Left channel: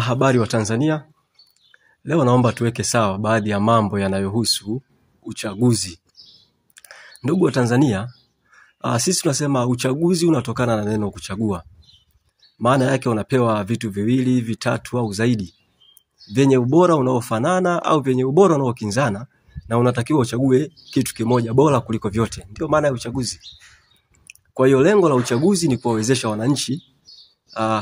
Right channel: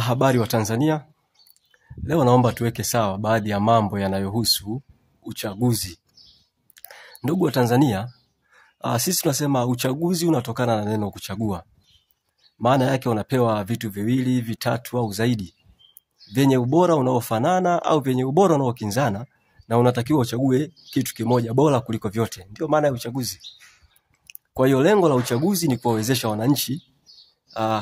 Habari wa Tanzania. Leo naomba tuweke sawa baadhi ya mambo yanayohusu uchaguzi. Ndugu wa Tanzania, sisi tunasema uchaguzi unatokana na neno kuchagua. Maana yake unapewa vitu viwili, vitatu au zaidi, vyenye ubora unaofanana au vyenye ubora unaokinzana, na unatakiwa uchague kitu kimoja bora kuliko vyote. Ndio maana ya uchaguzi. Kwa hiyo lengo la uchaguzi ni kuwawezesha wananchi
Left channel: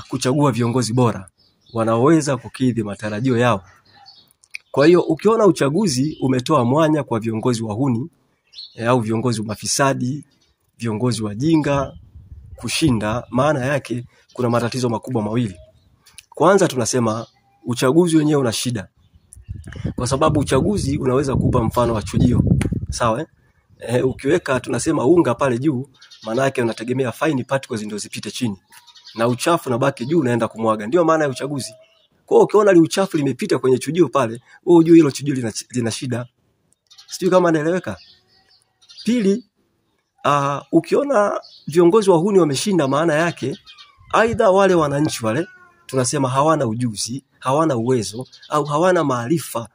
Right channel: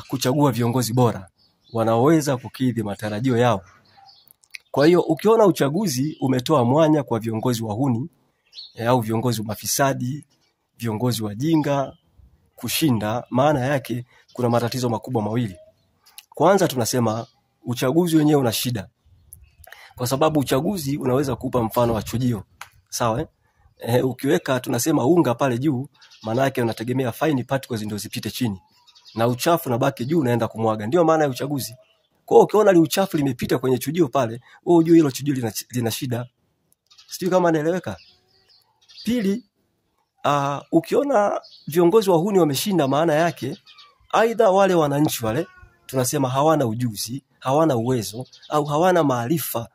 kuchagua viongozi bora wanaoweza kukidhi matarajio yao. Kwa hiyo ukiona uchaguzi umetoa mwanya kwa viongozi wahuni au viongozi mafisadi, viongozi wajinga kushinda, maana yake kuna matatizo makubwa mawili. Kwanza tunasema uchaguzi wenyewe una shida. Kwa sababu uchaguzi unaweza kupa mfano wa chujio. Sawa? Ukiweka tunasema unga pale juu, maana yake unategemea fine particles ndio zipite chini, na uchafu unabaki juu unaenda kumwaga. Ndio maana ya uchaguzi. Kwa hiyo ukiona uchafu limepita kwenye chujio pale, wewe ujue hilo chujio lina shida. Sijui kama naeleweka. Pili, ukiona viongozi wahuni wameshinda, maana yake aidha wale wananchi wale tunasema hawana ujuzi, hawana uwezo au hawana maarifa,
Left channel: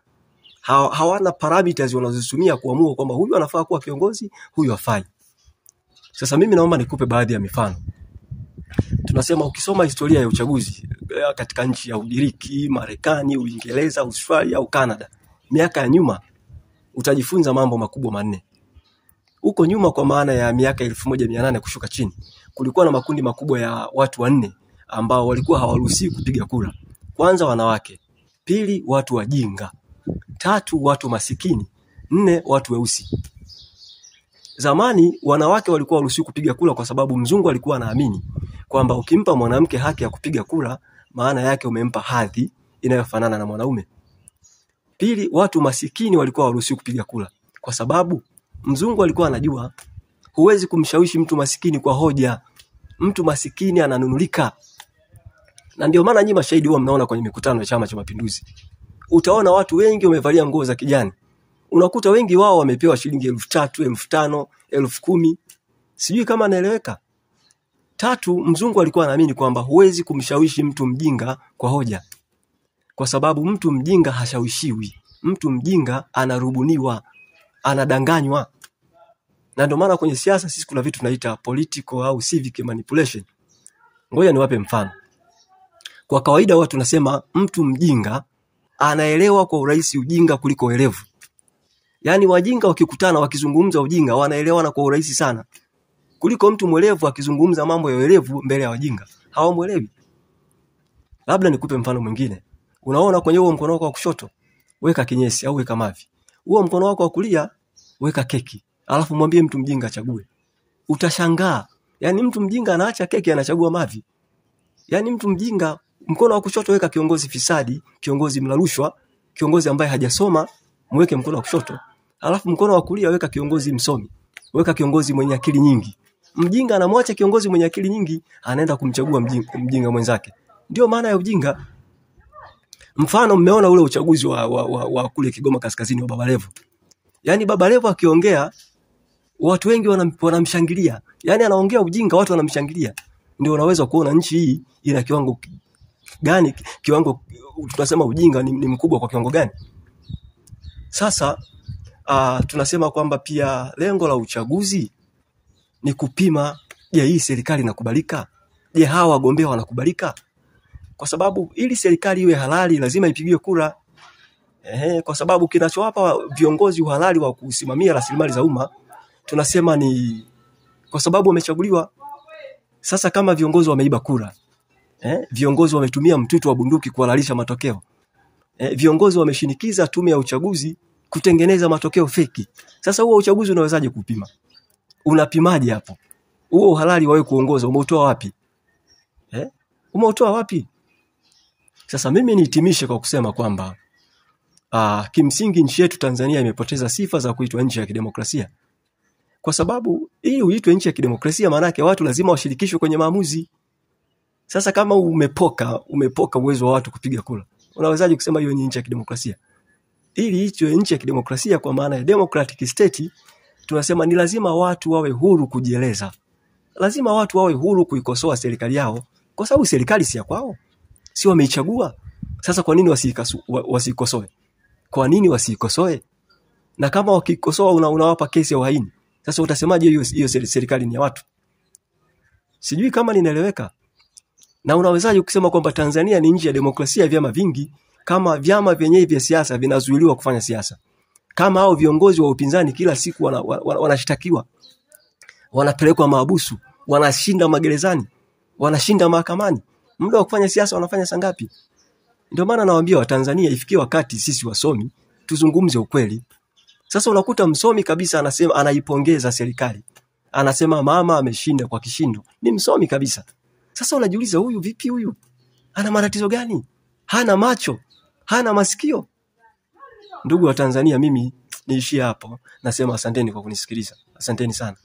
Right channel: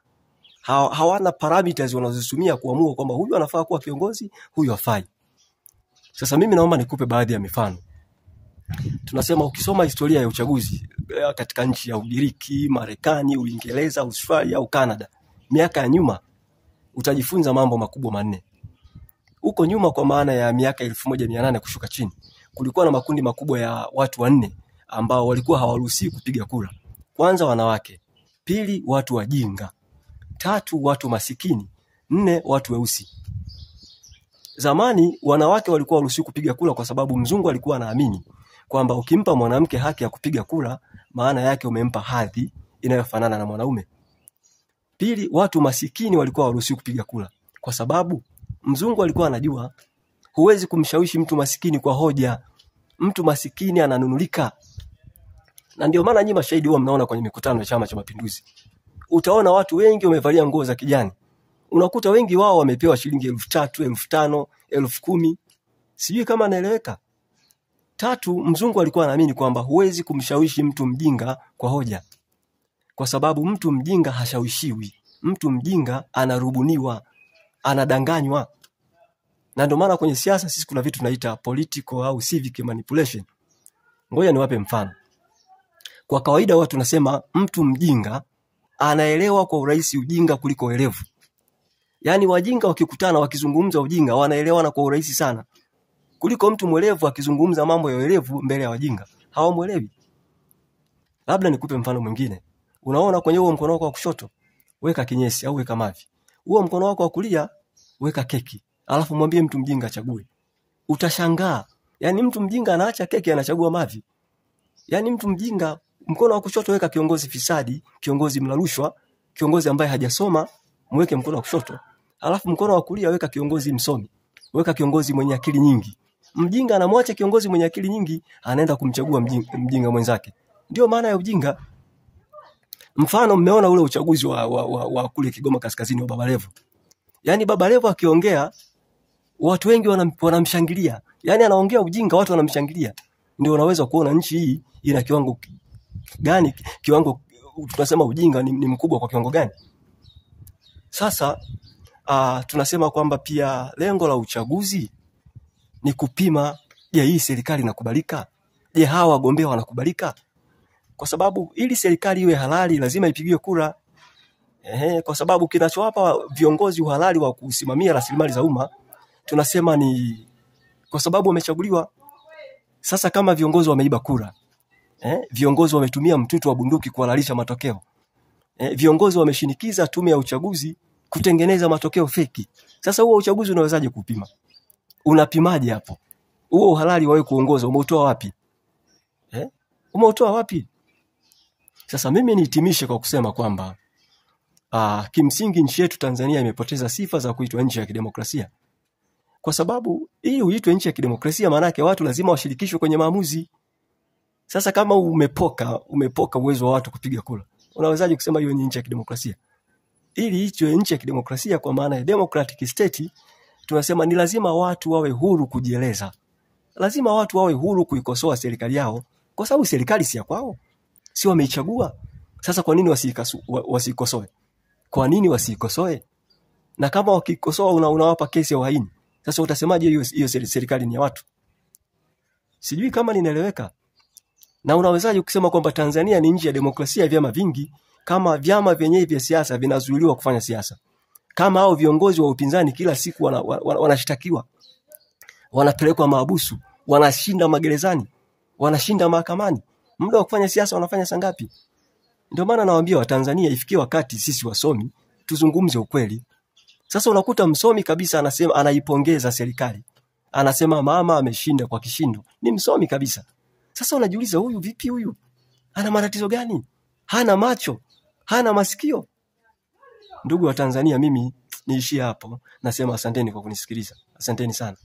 hawana parameters wanazozitumia kuamua kwamba huyu anafaa kuwa kiongozi, huyu hafai. Sasa mimi naomba nikupe baadhi ya mifano. Tunasema ukisoma historia ya uchaguzi katika nchi ya Ugiriki, Marekani, Uingereza, Australia au Canada, miaka ya nyuma, utajifunza mambo makubwa manne. Huko nyuma, kwa maana ya miaka 1800 kushuka chini, kulikuwa na makundi makubwa ya watu wanne ambao walikuwa hawaruhusiwi kupiga kura. Kwanza wanawake, pili watu wajinga, tatu watu masikini, nne watu weusi. Zamani wanawake walikuwa hawaruhusiwi kupiga kura kwa sababu mzungu alikuwa anaamini kwamba ukimpa mwanamke haki ya kupiga kura, maana yake umempa hadhi inayofanana na mwanaume. Pili, watu masikini walikuwa hawaruhusiwi kupiga kura kwa sababu mzungu alikuwa anajua huwezi kumshawishi mtu masikini kwa hoja. Mtu masikini ananunulika. Na ndio maana nyinyi mashahidi huwa mnaona kwenye mikutano ya Chama cha Mapinduzi, utaona watu wengi wamevalia nguo za kijani. Unakuta wengi wao wamepewa shilingi 3,000, 5,000, 10,000. Sijui kama naeleweka. Tatu, mzungu alikuwa anaamini kwamba huwezi kumshawishi mtu mjinga kwa hoja, kwa sababu mtu mjinga hashawishiwi. Mtu mjinga anarubuniwa, anadanganywa. Na ndio maana kwenye siasa sisi kuna vitu tunaita political au civic manipulation. Ngoja niwape mfano. Kwa kawaida watu tunasema mtu mjinga anaelewa kwa urahisi ujinga kuliko uelevu. Yaani wajinga wakikutana wakizungumza ujinga wanaelewana kwa urahisi sana kuliko mtu mwelevu akizungumza mambo ya uelevu mbele ya wajinga. Hawamuelewi. Labda nikupe mfano mwingine. Unaona kwenye huo mkono wako wa kushoto, weka kinyesi au weka mavi. Huo mkono wako wa kulia, weka keki. Alafu mwambie mtu mjinga achague. Utashangaa. Yaani mtu mjinga anaacha keki anachagua mavi. Yaani mtu mjinga, mkono wa kushoto weka kiongozi fisadi, kiongozi mlarushwa, kiongozi ambaye hajasoma, mweke mkono wa kushoto. Alafu mkono wa kulia weka kiongozi msomi, weka kiongozi mwenye akili nyingi. Mjinga anamwacha kiongozi mwenye akili nyingi, anaenda kumchagua mjinga mwenzake. Ndio maana ya ujinga. Mfano, mmeona ule uchaguzi wa kule Kigoma Kaskazini wa Baba Levo. Yaani Baba Levo akiongea watu wengi wanamshangilia. Yaani anaongea ujinga, watu wanamshangilia. Ndio unaweza kuona nchi hii ina kiwango gani, kiwango tunasema ujinga ni mkubwa kwa kiwango gani. Sasa tunasema kwamba pia lengo la uchaguzi ni kupima, je, hii serikali inakubalika? Je, hawa wagombea wanakubalika? Kwa sababu ili serikali iwe halali lazima ipigiwe kura. Kwa sababu kinachowapa viongozi uhalali wa kusimamia rasilimali za umma tunasema ni kwa sababu wamechaguliwa. Sasa kama viongozi wameiba kura, viongozi wametumia mtutu wa bunduki kuhalalisha matokeo, viongozi wameshinikiza tume ya uchaguzi kutengeneza matokeo feki. Sasa huo uchaguzi unawezaje kupima? Unapimaje hapo? Huo uhalali wawe kuongoza umeutoa wapi? Umeutoa wapi? Sasa mimi nihitimishe kwa kusema kwamba kimsingi nchi yetu Tanzania imepoteza sifa za kuitwa nchi ya kidemokrasia. Kwa sababu hii uitwe nchi ya kidemokrasia maana yake watu lazima washirikishwe kwenye maamuzi. Sasa kama umepoka uwezo wa watu kupiga kura, unawezaje kusema hiyo ni nchi ya kidemokrasia? Ili hicho nchi ya kidemokrasia kwa maana ya democratic state, tunasema ni lazima watu wawe huru kujieleza. Lazima watu wawe huru kuikosoa serikali yao, kwa sababu serikali si ya kwao. Si wameichagua. Sasa kwa nini wasikosoe? Kwa nini wasikosoe? Na kama wakikosoa unawapa kesi ya uhaini. Sasa utasemaje hiyo serikali ni ya watu? Sijui kama ninaeleweka. Na unawezaje kusema kwamba Tanzania ni nchi ya demokrasia ya vyama vingi kama vyama vyenyewe vya siasa vinazuiliwa kufanya siasa? Kama hao viongozi wa upinzani kila siku wanashtakiwa, wanapelekwa mahabusu, wanashinda magerezani, wanashinda mahakamani. Muda wa kufanya siasa wanafanya saa ngapi? Ndio maana nawaambia Watanzania ifikie wakati sisi wasomi tuzungumze ukweli. Sasa unakuta msomi kabisa anasema, anaipongeza serikali, anasema mama ameshinda kwa kishindo, ni msomi kabisa. Sasa unajiuliza huyu vipi? Huyu ana matatizo gani? Hana macho, hana masikio? Ndugu wa Tanzania, mimi niishie hapo. Nasema asanteni kwa kunisikiliza. Asanteni sana.